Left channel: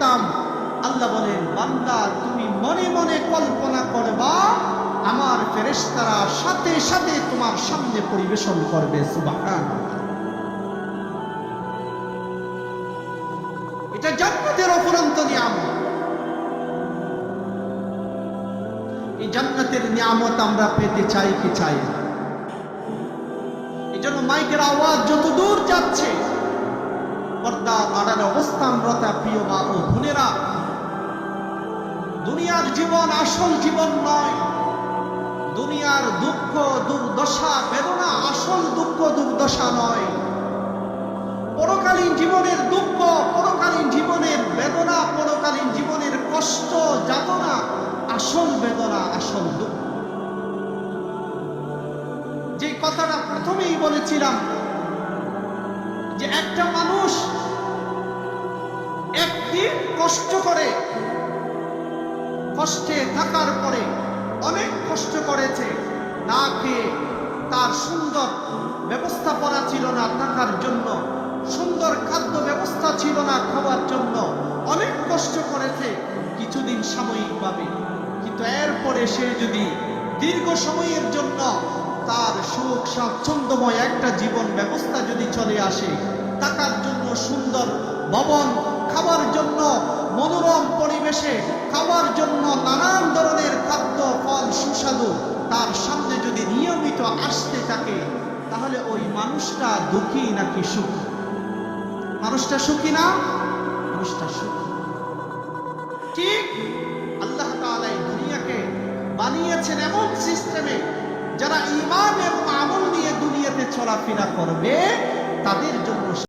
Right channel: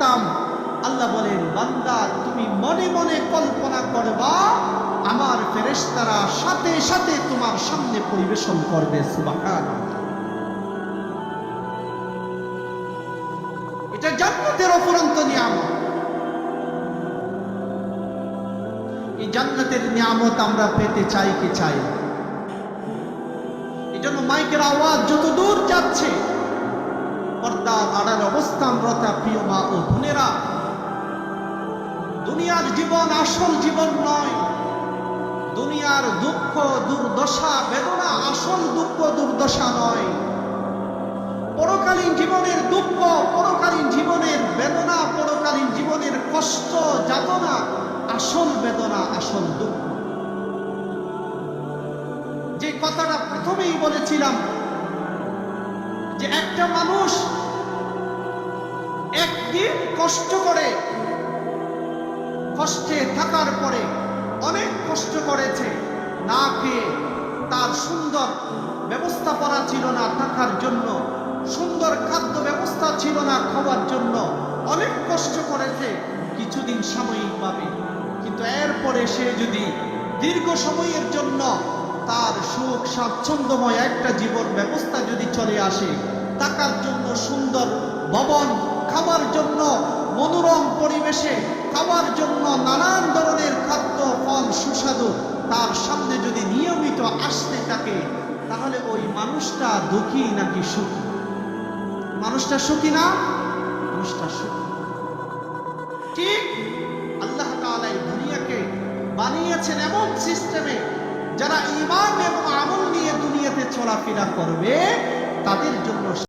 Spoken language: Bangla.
করতাম। আল্লাহ বলেন, বান্দা তুমি মনে মনে কল্পনা করবা, আমার ফেরেশতারা সাথে সাথে তোমার সামনে পরিবেশন করবে। সুবহানাল্লাহ। এটা জান্নাতের অফুরন্ত নিয়ামত। এই জান্নাতের নিয়ামত আমরা পেতে চাই কি চাই না? এই জন্য মাইকের আওয়াজ যত দূর যাচ্ছে, পর্দার আড়ালে অবস্থানরত প্রিয় মা ও বোনেরা, দুনিয়ার জীবন আসল জীবন নয়। দুনিয়ার দুঃখ দুর্দশা বেদনা আসল দুঃখ দুর্দশা নয়। পরকালীন জীবনের দুঃখ, পরকালীন জীবনের বেদনা, পরকালীন জীবনের কষ্ট যাতনা আসল বেদনা, আসল দুঃখ। যে কথাটা প্রথমেই বলেছিলাম, যে একটা মানুষ একদিন কষ্ট করে, কষ্টে থাকার পরে অনেক কষ্ট করেছে, না পেয়ে, তার সুন্দর ব্যবস্থা করা ছিল না থাকার জন্য, সুন্দর খাদ্য ব্যবস্থা ছিল না খাওয়ার জন্য, অনেক কষ্ট করেছে কিছুদিন সাময়িকভাবে। কিন্তু এরপরে সে যদি দীর্ঘ সময়ের জন্য তার সুখ স্বাচ্ছন্দ্যময় একটা জীবন ব্যবস্থা যদি চলে আসে, থাকার জন্য সুন্দর ভবন, খাবার জন্য মধুরম পরিবেশে, খাবার জন্য নানান ধরনের খাদ্য ফল সুস্বাদু তার সামনে যদি নিয়মিত আসতে থাকে, তাহলে ওই মানুষটা দুঃখী নাকি সুখী? মানুষটা সুখী না? মানুষটা সুখী। ঠিক আল্লাহ তাআলা এই দুনিয়াকে বানিয়েছেন এমন সিস্টেমে, যারা ঈমান এবং আমল নিয়ে দুনিয়াতে চলাফেরা করবে তাদের জন্য